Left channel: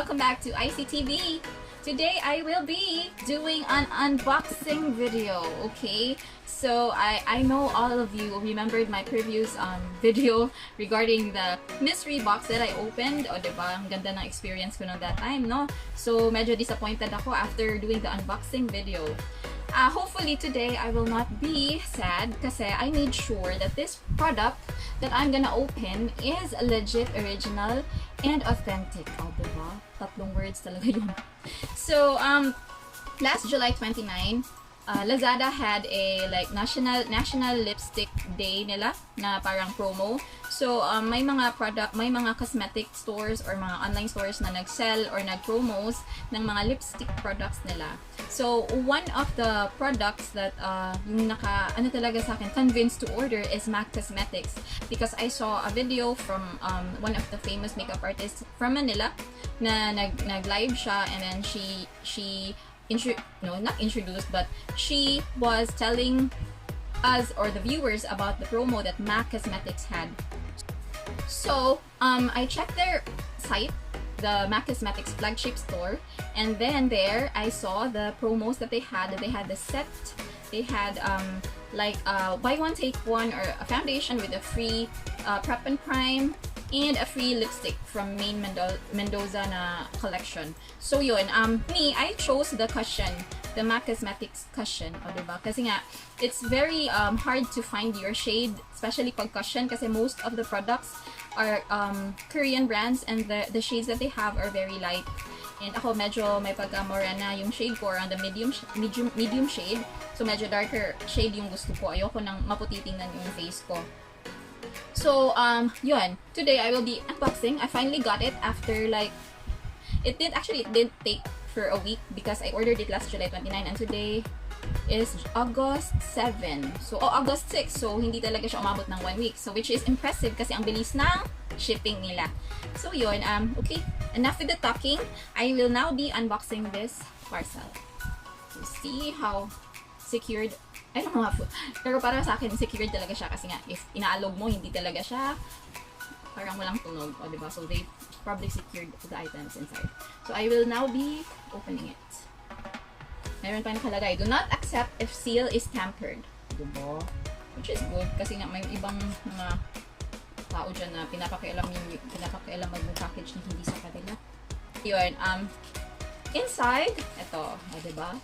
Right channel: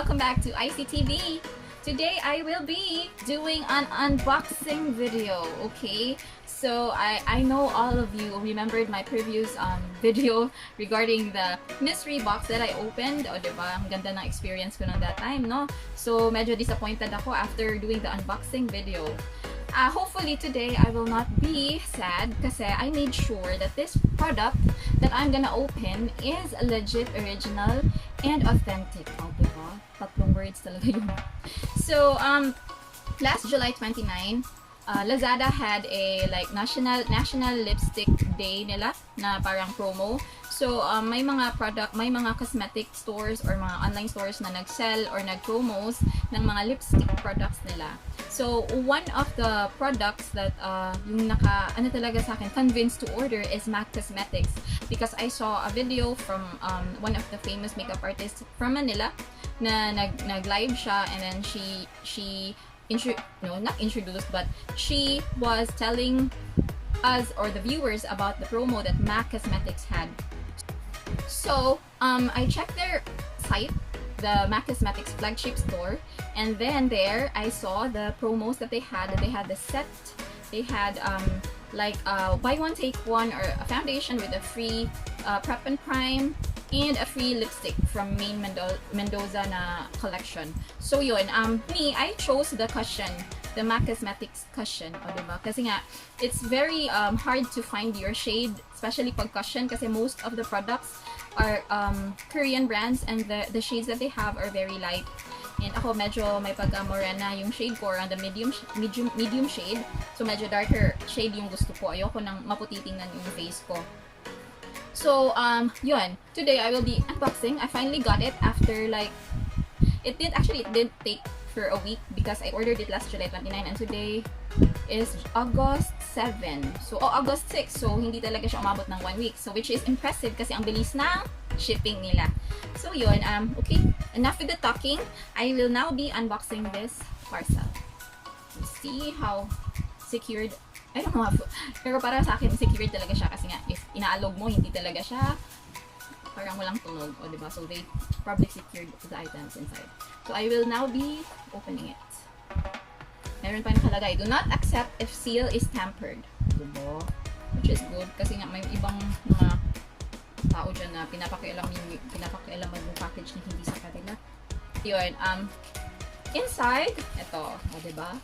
welcome back to ICTV. Today I will be doing an unboxing video, okay? So I know all of you remembered my previous video regarding the mystery box that I opened. O diba, ang ganda ng experience ko ng that time, no? So medyo disappointed ako after doing the unboxing video. Hopefully today I will not be sad kasi I made sure that this product that I'm gonna open is legit, original, and authentic. O diba? Tatlong words talaga yun. So, last July 29, Lazada had a like national lipstick day nila na parang promo. So may mga cosmetic stores or mga online stores na nag-sell or nag-promos ng mga lipstick products nila. So one of the products that yung talaga sa akin convinced to order is MAC Cosmetics, because I saw a video from one of the famous makeup artists from Manila na nag-live siya, and then she not introduced, but she was telling us or the viewers about the promo that MAC Cosmetics had. So I checked their site, the MAC Cosmetics flagship store, and then there I saw the promos that they had. They had the set, they had buy one take one, or a foundation with a free prep and prime, and a free lipstick from Main Mendoza na collection. So yun, I chose the cushion, the MAC Cosmetics cushion, o diba? Kasi nga, it's very hard to find your shade, especially pag cushion, kasi most of the products are Korean brands, and the shades that they have are very light. And ako medyo may pagka-morena yung shade ko, around the medium shade. So medyo darker shade yung gusto ko. Ayoko nang maputi tingnan yung face ko. So, yun. Today I will be unboxing. I finally got it after it did take for a week, because I ordered it last July 29 and today is August 7. So, August 6. So, hindi talaga siya umabot ng 1 week. So, which is impressive kasi ang bilis ng shipping nila. So, yun. Okay. Enough with the talking. I will now be unboxing this parcel. So, see how secured. I don't know how, pero para sa akin, secured talaga siya kasi nga, if inaalog mo, hindi talaga siya parang walang tunog, o diba? So, they probably secured the items inside. So, I will now be opening it. Meron pa nakalagay, do not accept if seal is tampered. Diba? Which is good, kasi nga may ibang mga tao dyan na pinapakialaman yung package na hindi sa kanila. Yun, inside, ito, o diba?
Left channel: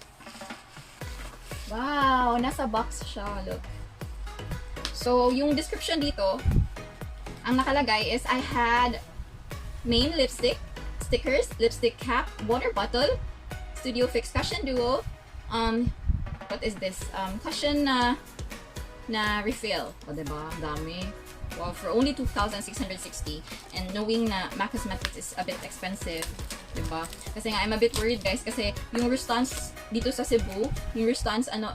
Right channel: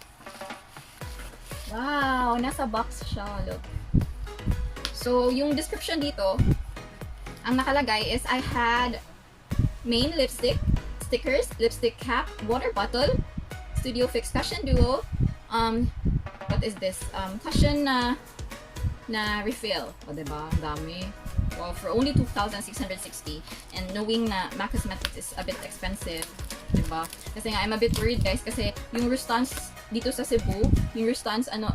Wow! Nasa box siya. Look. So, yung description dito, ang nakalagay is, I had main lipstick, stickers, lipstick cap, water bottle, Studio Fix Cushion Duo, what is this? Cushion na refill. O, diba? Ang dami. Wow, for only 2,660. And knowing na MAC Cosmetics is a bit expensive, diba? Kasi nga, I'm a bit worried, guys, kasi yung Rustans dito sa Cebu, yung Rustans yung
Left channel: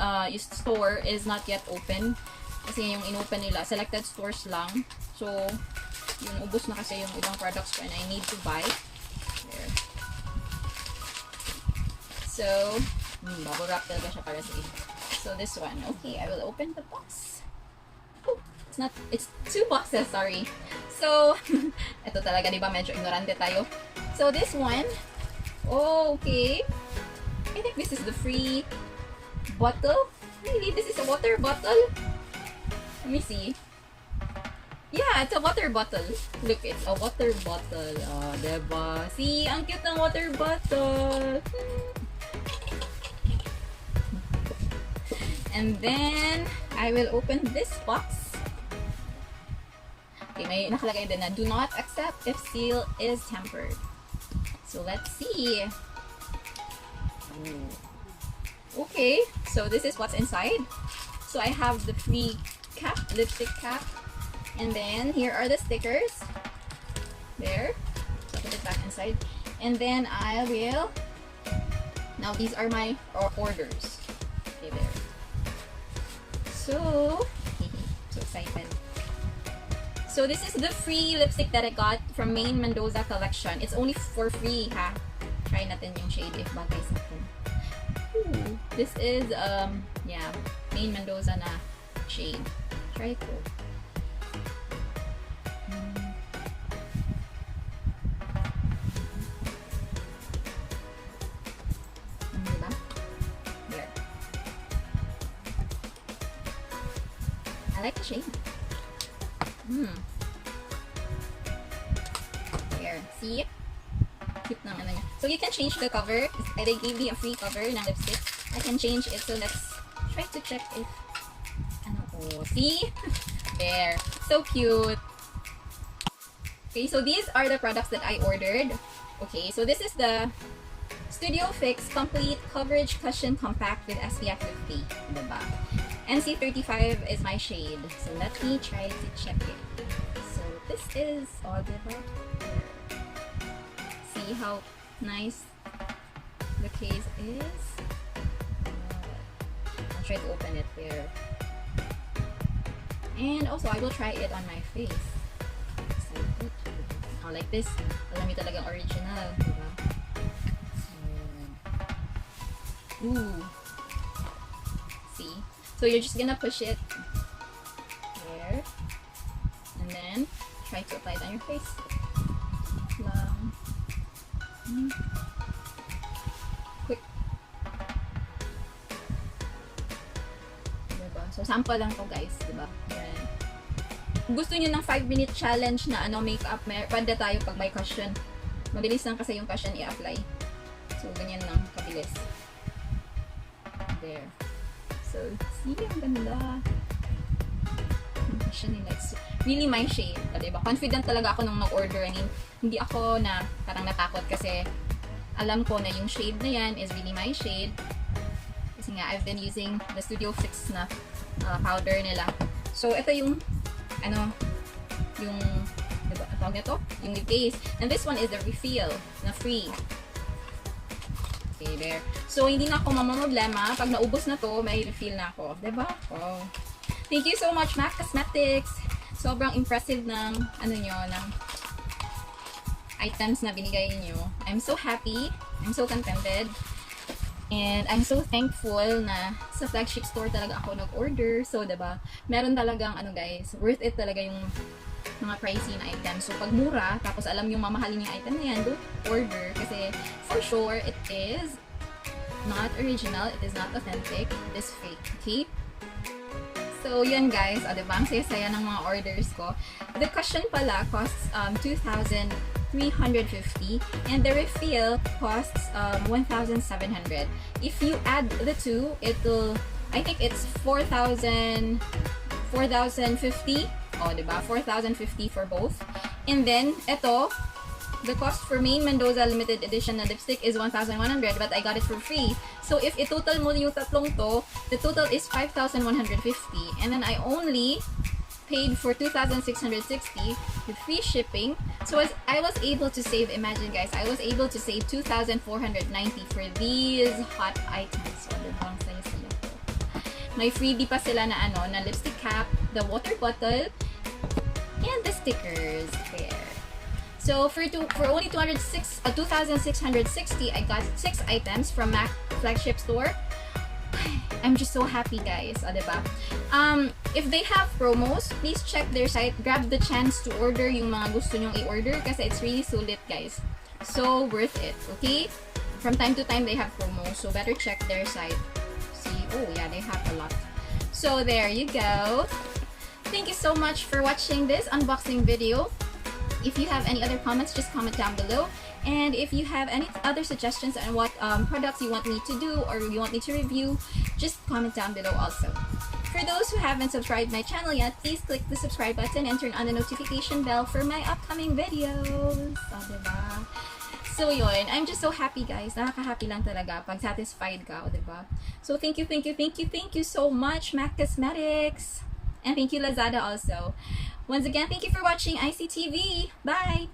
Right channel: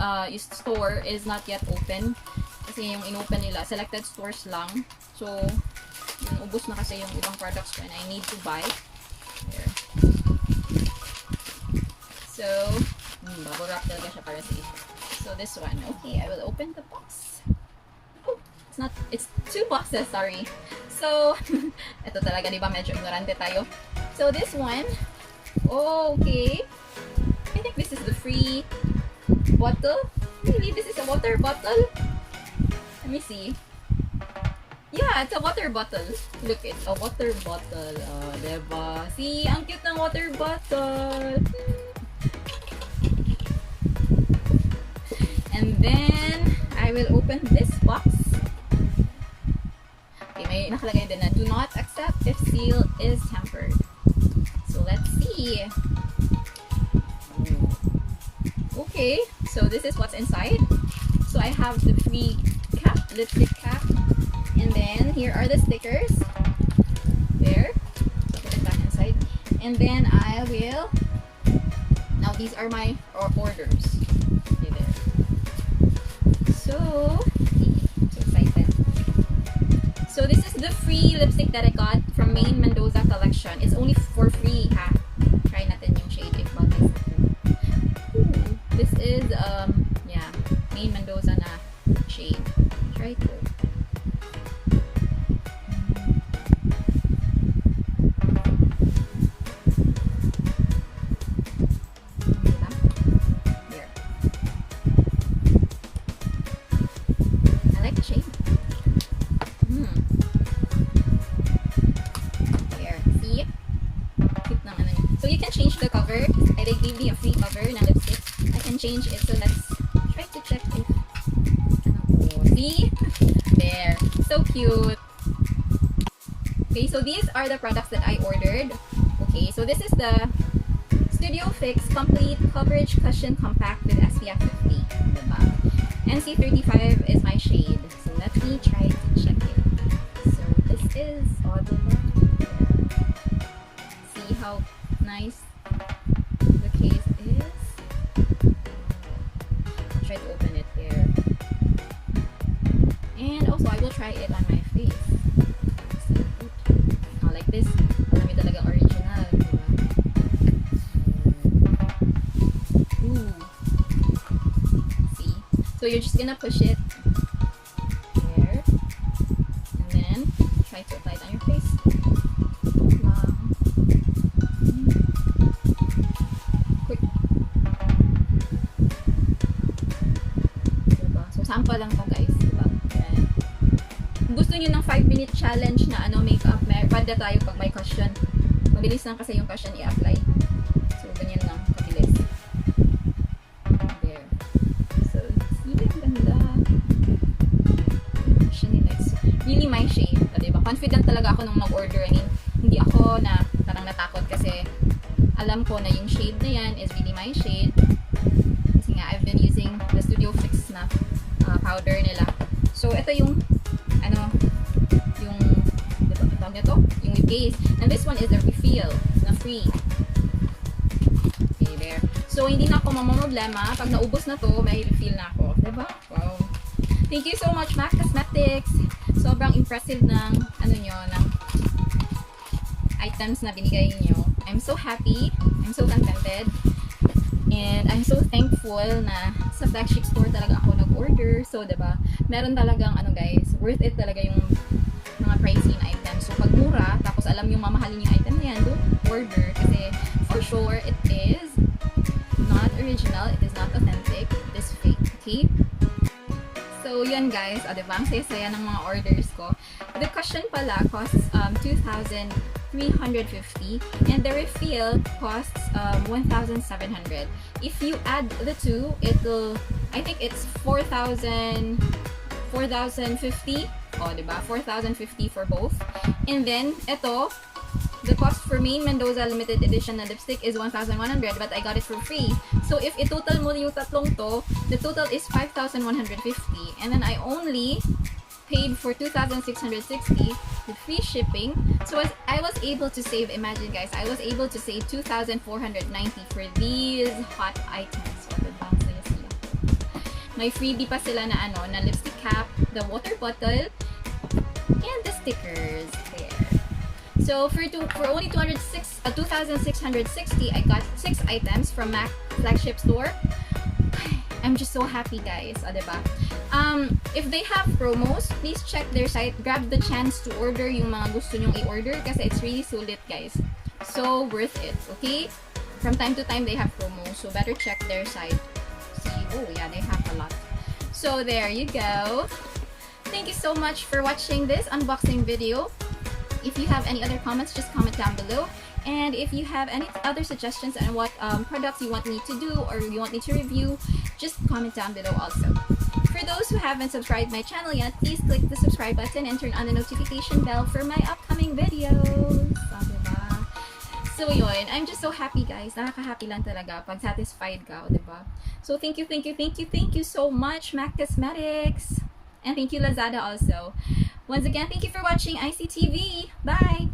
store is not yet open. Kasi yung inopen nila, selected stores lang. So, yung ubos na kasi yung ibang products ko and I need to buy. There. So, bubble wrap talaga siya para safe. So, this one. Okay, I will open the box. Oh, it's 2 boxes, sorry. So, ito talaga, diba? Medyo ignorante tayo. So, this one, okay. I think this is the free bottle. Really? This is a water bottle? Let me see. Yeah, it's a water bottle. Look, it's a water bottle. Oh, diba? See, ang cute ng water bottle. And then, I will open this box. Okay, may nakalagay din na, do not accept if seal is tampered. So, let's see. Okay, so this is what's inside. So I have the free cap, lipstick cap, and then here are the stickers. There, so put it back inside, and then I will. Now these are my orders. Okay, there. So excited. So this is the free lipstick that I got from Main Mendoza collection. It's only for free, ha. Try natin yung shade if bagay sa akin. Ooh, this is Main Mendoza na shade. Try ko. I like the shade. There, see? Cute ng ano niya. So you can change the cover. They gave me a free cover ng lipstick. I can change it. So let's try to check if ano, oh, see? There. So cute. Okay, so these are the products that I ordered. Okay, so this is the Studio Fix Complete Coverage Cushion Compact with SPF 50. Diba? NC35 is my shade. So let me try to check it. So this is, oh, diba? See how nice the case is? I'll try to open it here. And also, I will try it on my face. Oh, like this. Alam niyo talaga original. Diba? Ooh. See? So you're just gonna push it there. And then, try to apply it on your face. Quick. Diba? So sample lang to guys. Diba? Yan. Kung gusto nyo ng 5-minute challenge na ano, makeup, pwede tayo pag may cushion. Mabilis lang kasi yung cushion i-apply. So ganyan lang, kabilis. There. So, see, ang ganda. Cushion nila. It's really my shade. Diba? Confident talaga ako nung mag-order. I mean, hindi ako na parang natakot kasi alam ko na yung shade na yan is really my shade. Kasi nga, I've been using the Studio Fix na powder nila. So, ito yung ano, yung diba, tawag na to? Yung case. And this one is the refill na free. Okay, there. So, hindi na ako mamamroblema. Pag naubos na to, may refill na ako. Diba? Wow. Thank you so much, MAC Cosmetics. Sobrang impressive ng, ano nyo, ng items na binigay nyo. I'm so happy. I'm so contented. And I'm so thankful na sa flagship store talaga ako nag-order. So, diba, meron talagang, ano guys, worth it talaga yung mga pricey na items. So, pag mura, tapos alam yung mamahalin yung item na yan, don't order. Kasi, for sure, it is not original. It is not authentic. It is fake. Okay? So, yun guys. O, diba, ang saya-saya ng mga orders ko. The cushion pala costs 2,350 and the refill costs 1,700. If you add the two, it'll, I think it's 4,050. Oh, diba? 4,050 for both. And then, ito, the cost for Main Mendoza limited edition na lipstick is 1,100, but I got it for free. So, if i-total mo yung tatlong to, the total is 5,150. And then, I only paid for 2,660 with free shipping. So I was able to save, imagine guys, I was able to save 2,490 for these hot items. So, diba? Saya-saya ko. May freebie pa sila na ano, na lipstick cap, the water bottle, and the stickers. There. So for only 2,660, I got 6 items from MAC flagship store. I'm just so happy guys, diba? If they have promos, please check their site. Grab the chance to order yung mga gusto nyong i-order kasi it's really sulit guys. So worth it, okay? From time to time they have promos, so better check their site. See, oh yeah, they have a lot. So there you go. Thank you so much for watching this unboxing video. If you have any other comments, just comment down below. And if you have any other suggestions on what products you want me to do or you want me to review, just comment down below also. For those who haven't subscribed my channel yet, please click the subscribe button and turn on the notification bell for my upcoming videos. So, diba? So, yun. I'm just so happy, guys. Nakaka-happy lang talaga pag satisfied ka, diba? So, thank you so much, MAC Cosmetics. And thank you, Lazada also. Once again, thank you for watching ICTV. Bye!